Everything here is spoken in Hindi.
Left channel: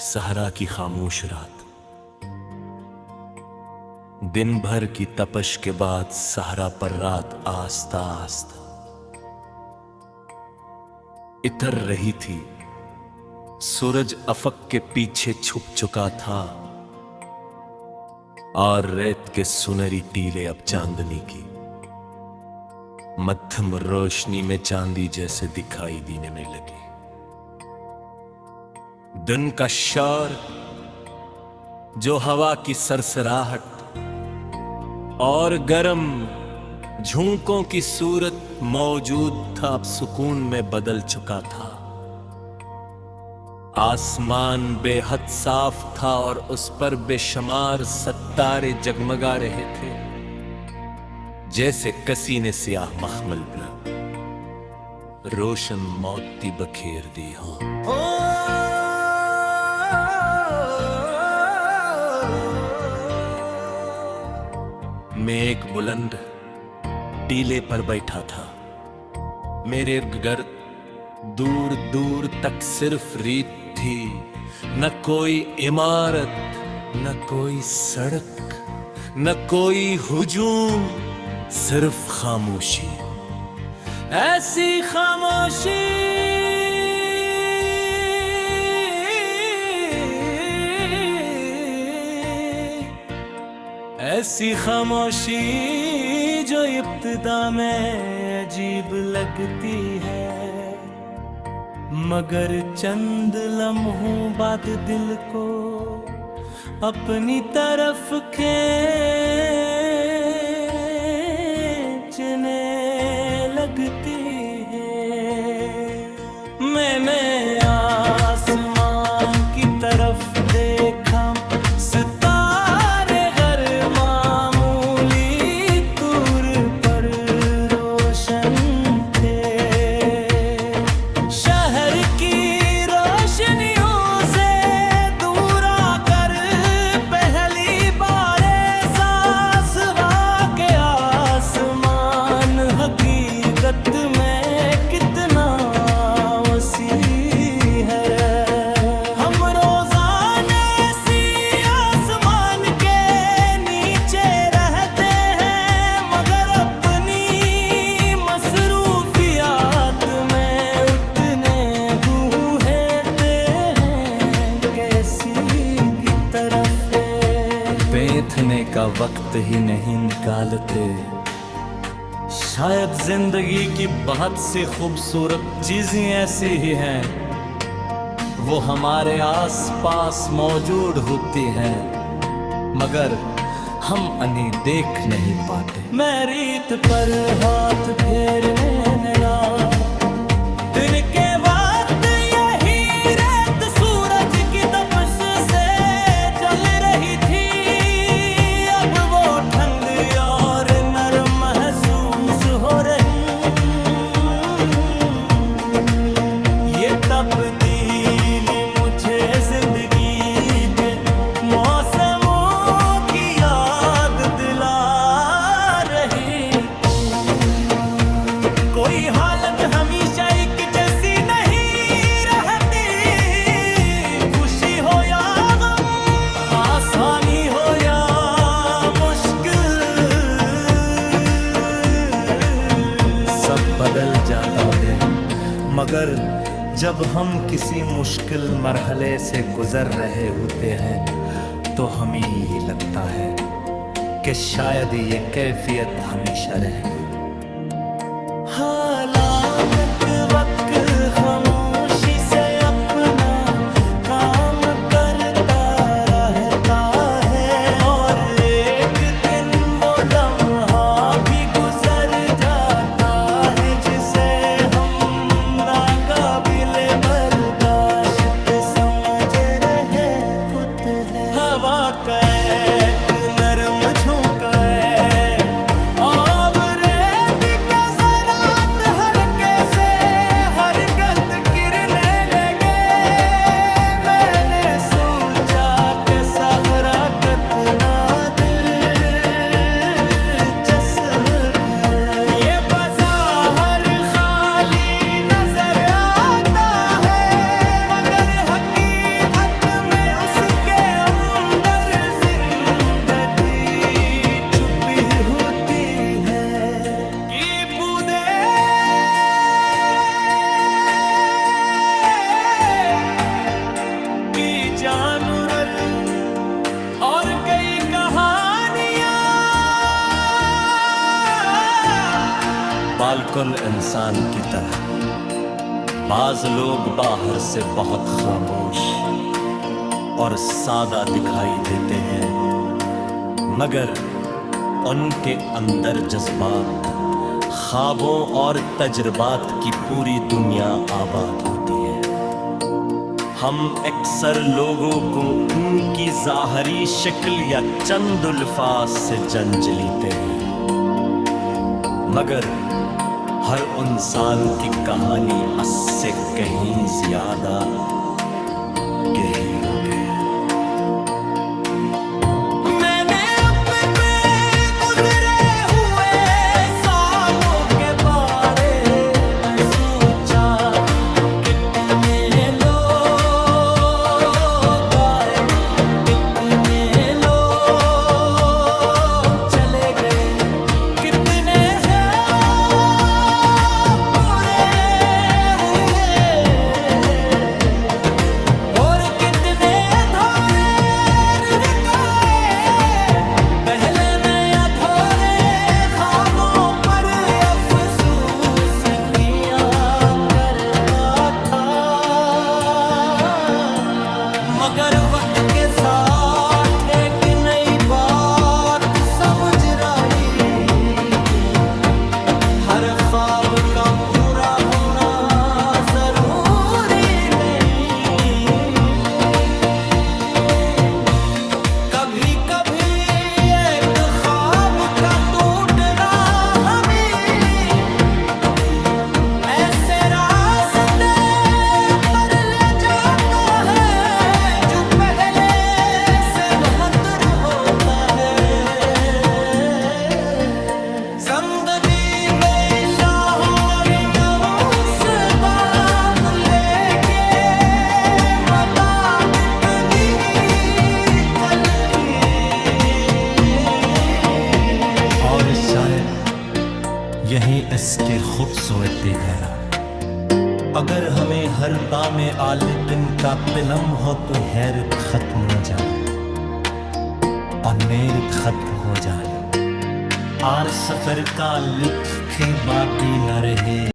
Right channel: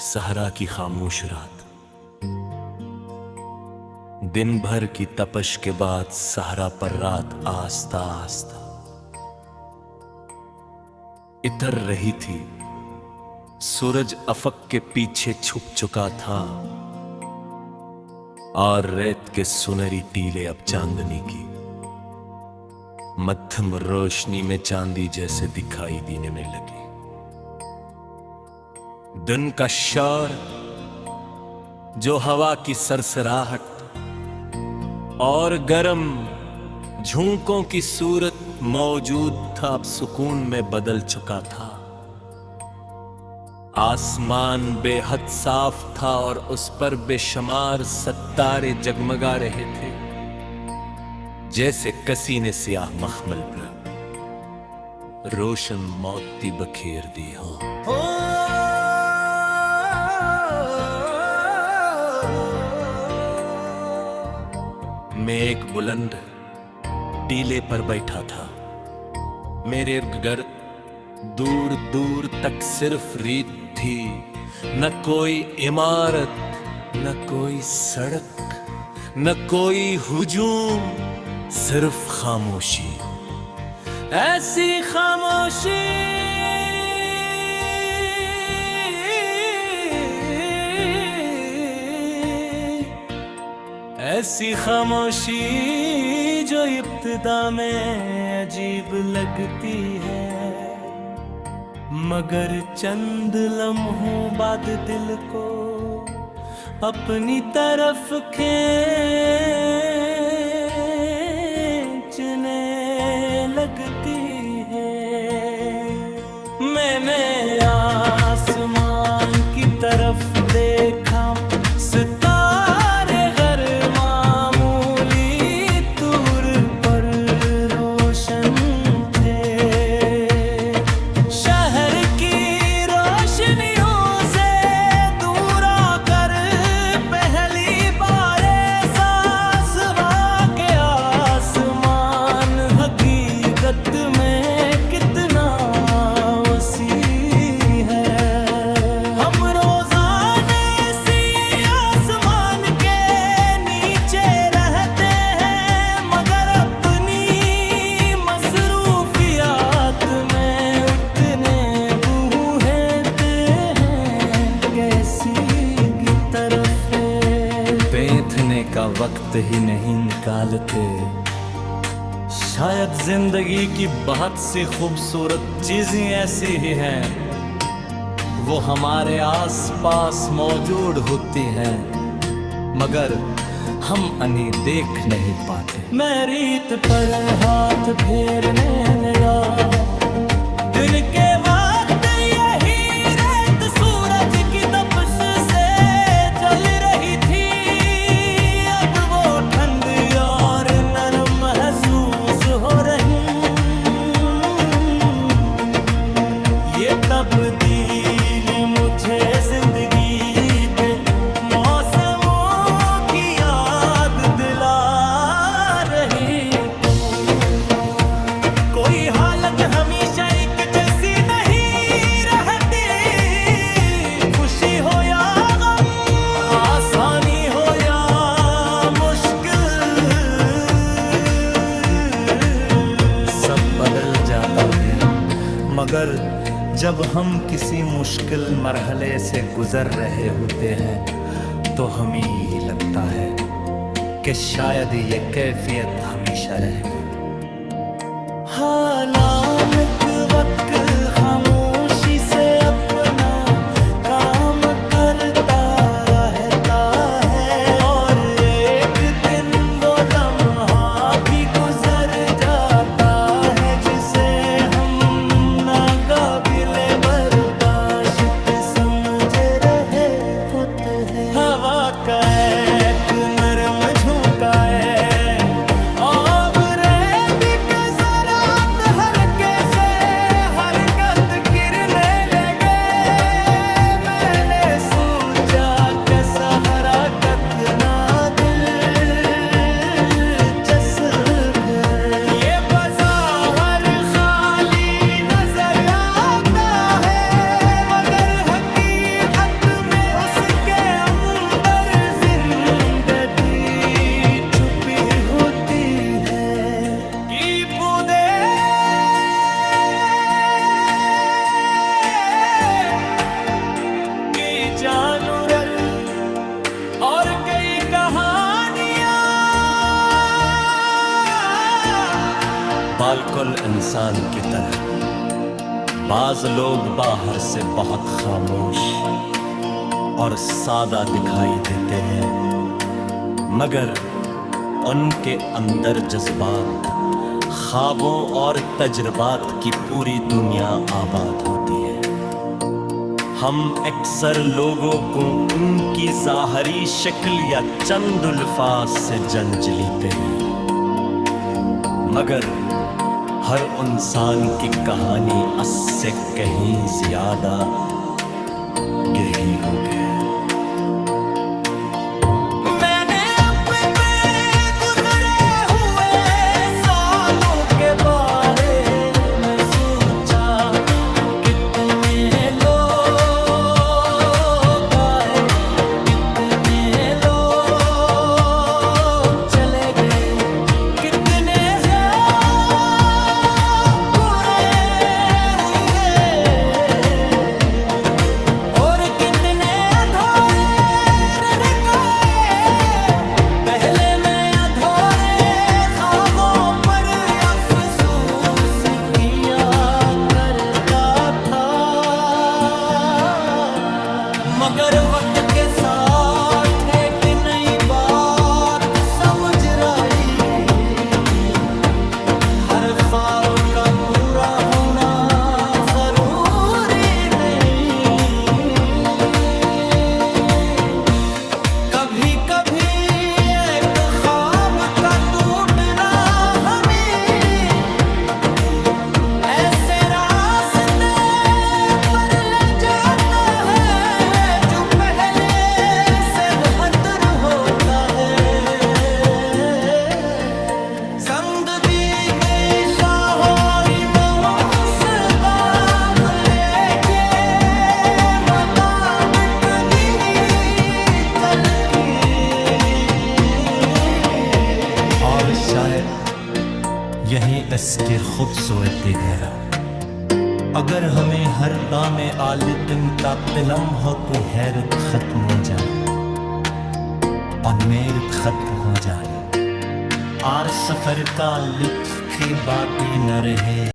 सहरा की खामोश रात। दिन भर की तपश के बाद सहरा पर रात आस्ता आस्ता इतर रही थी। सूरज अफक के पीछे छुप चुका था और रेत के सुनहरी टीले अब चांदनी की मध्यम रोशनी में चांदी जैसे दिखाई देने में लगी। दिन का शौर जो हवा की सरसराहट और गर्म झोंकों की सूरत मौजूद था, अब सुकून में बदल चुका था। आसमान बेहद साफ था और उस पर बेशुमार सितारे जगमगा रहे थे, जैसे किसी ने सियाह मखमल पर रोशन मोती बखेर दी हो। मैं एक बुलंद टीले पर बैठा था। मेरे इर्द-गिर्द दूर दूर तक सिर्फ रेत थी, न कोई इमारत, न कोई सड़क, न कोई हुजूम, सिर्फ खामोशी। ऐसी खामोशी ऐसी खामोशी जो इब्तिदा में अजीब लगती है, मगर चंद लम्हों बाद दिल को अपनी तरफ खींचने लगती है। मैंने आसमान की तरफ देखा, का वक्त ही नहीं निकालते। शायद जिंदगी की बहुत सी खूबसूरत चीजें ऐसी ही हैं, वो हमारे आसपास मौजूद होती हैं, मगर हम उन्हें देख नहीं पाते। मैं रेत पर हाथ फेरने लगा, दिन के वक्त यही रेत सूरज की तपश से जल रही थी। तब्दीली मुझे जिंदगी के मौसमों की याद दिला रही। कोई हालत हमेशा एक जैसी नहीं रहती, खुशी हो या गम, आसानी हो या मुश्किल, सब बदल जाता है। मगर जब हम किसी मुश्किल मरहले से गुजर रहे होते हैं तो हमें ये लगता है कि शायद ये कैफियत हमेशा रहेगी। हालांकि वक्त खामोशी से अपना काम करता रहता है, और एक दिन वो लम्हा भी गुजर जाता है जिसे हम नाकाबिले बर्दाश्त समझ रहे होते हैं। हवा का एक नरम झोंका है, अब रेत के ज़रात हल्के से बालकुल इंसान की तरह बाज लोग बाहर से बहुत खामोश और सादा दिखाई देते हैं, मगर उनके अंदर जज्बात, ख्वाबों और तजुर्बात की पूरी दुनिया आबाद होती है। हम अक्सर लोगों को उनकी ज़ाहरी शक्ल या चंद अल्फाज से जंज लेते हैं, मगर हर इंसान की कहानी उससे कहीं ज्यादा गहरी हो गई। मैंने अपने गुजरे हुए सालों के बारे में सोचा, कितने लोग आए, कितने लोग चले गए, कितने मगर वक्त के साथ एक नई बात समझ रही, हर ख्वाब का पूरा होना जरूरी नहीं। कभी कभी एक ख्वाब का टूटना हमें ऐसे रास्ते पर ले जाता है जो पहले से बेहतर होता है। संग दी गई शाहों से बात लेके मदद इतनी चलती, और शायद यही इसकी खूबसूरती है। अगर हमें हर दाम आलितन का तिलम हो तो हैरत खत्म हो जाए और मेरत खत्म हो जाए, और सफर का लुत्फ की बाकी न रहे।